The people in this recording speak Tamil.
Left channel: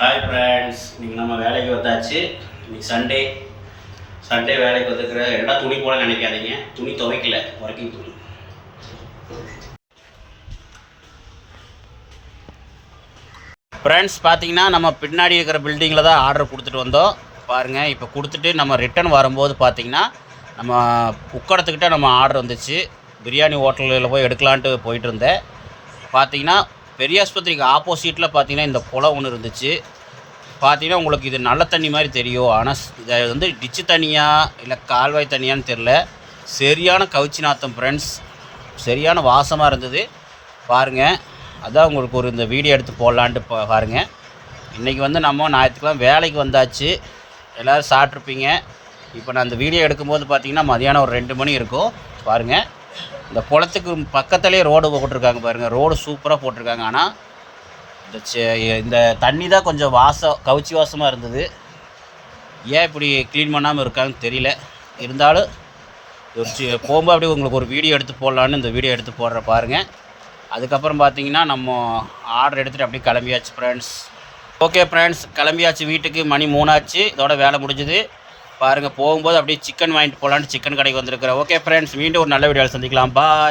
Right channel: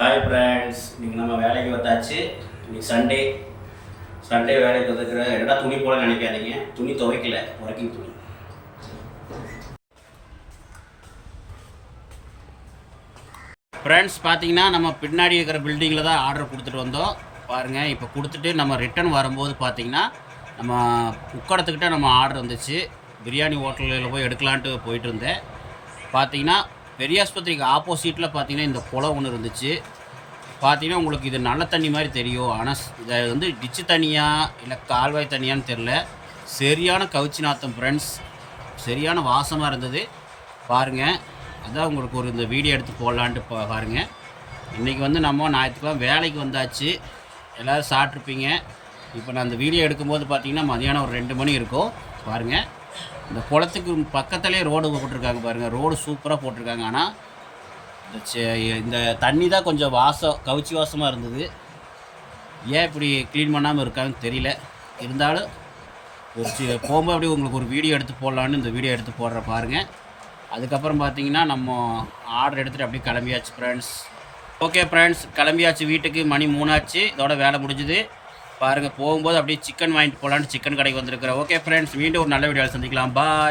ஹாய் ஃப்ரெண்ட்ஸ், இன்றைக்கி நம்ம வேலைக்கு வந்தாச்சு. இன்றைக்கி சண்டே வேலைக்கு வந்துருக்கிற என்னடா துணி போல நினைக்காதீங்க, துணி துவைக்கல, ஒர்க்கிங் துணி. ஃப்ரெண்ட்ஸ் பார்த்தீங்கன்னா நம்ம பின்னாடி இருக்கிற பில்டிங்கில் தான் ஆர்டர் கொடுத்துட்டு வந்தோம். பாருங்கள், இப்போ கொடுத்துட்டு நம்ம ரிட்டன் வரும்போது பார்த்தீங்கன்னா நம்ம உக்கடத்துக்கிட்ட நம்ம ஆர்டர் வந்துச்சு. பிரியாணி ஹோட்டலில் போய் எடுக்கலான்ட்டு போயிட்டு இருந்தேன். பார்த்தீங்கன்னா பெரிய ஆஸ்பத்திரிக்கு ஆப்போசிட்டில் பார்த்தீங்கன்னா இந்த குளம் ஒன்று இருந்துச்சு. பார்த்தீங்கன்னா உங்களுக்கு இது நல்ல தண்ணி மாதிரி தெரியும், ஆனால் இதை வந்து டிச்சு தண்ணியாக இல்லை கால்வாய் தண்ணியான்னு தெரில. சரியான கவுச்சி நாத்தம் ஃப்ரெண்ட்ஸ், சரியான வாசமாக இருந்தது. பாருங்கள், அதான் உங்களுக்கு ஒரு இந்த வீடியோ எடுத்து போடலான்ட்டு பாருங்கள். இன்றைக்கி வந்து நம்ம ஞாயிற்றுக்கிழமை வேலைக்கு வந்தாச்சு. எல்லோரும் சாப்பிட்ருப்பீங்க. இப்போ நான் இந்த வீடியோ எடுக்கும்போது பார்த்தீங்கன்னா மதியானம் ஒரு 2 மணி இருக்கும். பாருங்கள், இந்த குளத்துக்கு பக்கத்துலேயே ரோடு போட்டிருக்காங்க. பாருங்கள், ரோடு சூப்பராக போட்டிருக்காங்க. ஆனால் இந்த தண்ணி தான் கொஞ்சம் கவுச்சி வாசமாக இருந்தது. ஏன் இப்படி க்ளீன் பண்ணாமல் இருக்காங்கன்னு தெரியல. இருந்தாலும் போகும்போது அப்படியே உங்களுக்கு ஒரு வீடியோ எடுத்து போடலான்னு இந்த வீடியோ எடுத்து போடுற பாருங்கள். அதுக்கப்புறம் பார்த்தீங்கன்னா நம்ம ஆர்டர் எடுத்துகிட்டு அப்படியே கிளம்பியாச்சு ஃப்ரெண்ட்ஸ். ஓகே ஃப்ரெண்ட்ஸ், கிளம்பியாச்சு. வீட்டுக்கு மணி 3 ஆச்சு. இதோட வேலை முடிஞ்சுது. பாருங்கள், போகும்போது அப்படியே சிக்கன் வாங்கிட்டு போகலான்ட்டு சிக்கன் கடைக்கு வந்திருக்கிறேன். ஓகே ஃப்ரெண்ட்ஸ், மீண்டும் ஒரு நல்ல வீடியோவில் சந்திக்கலாம். பாய்.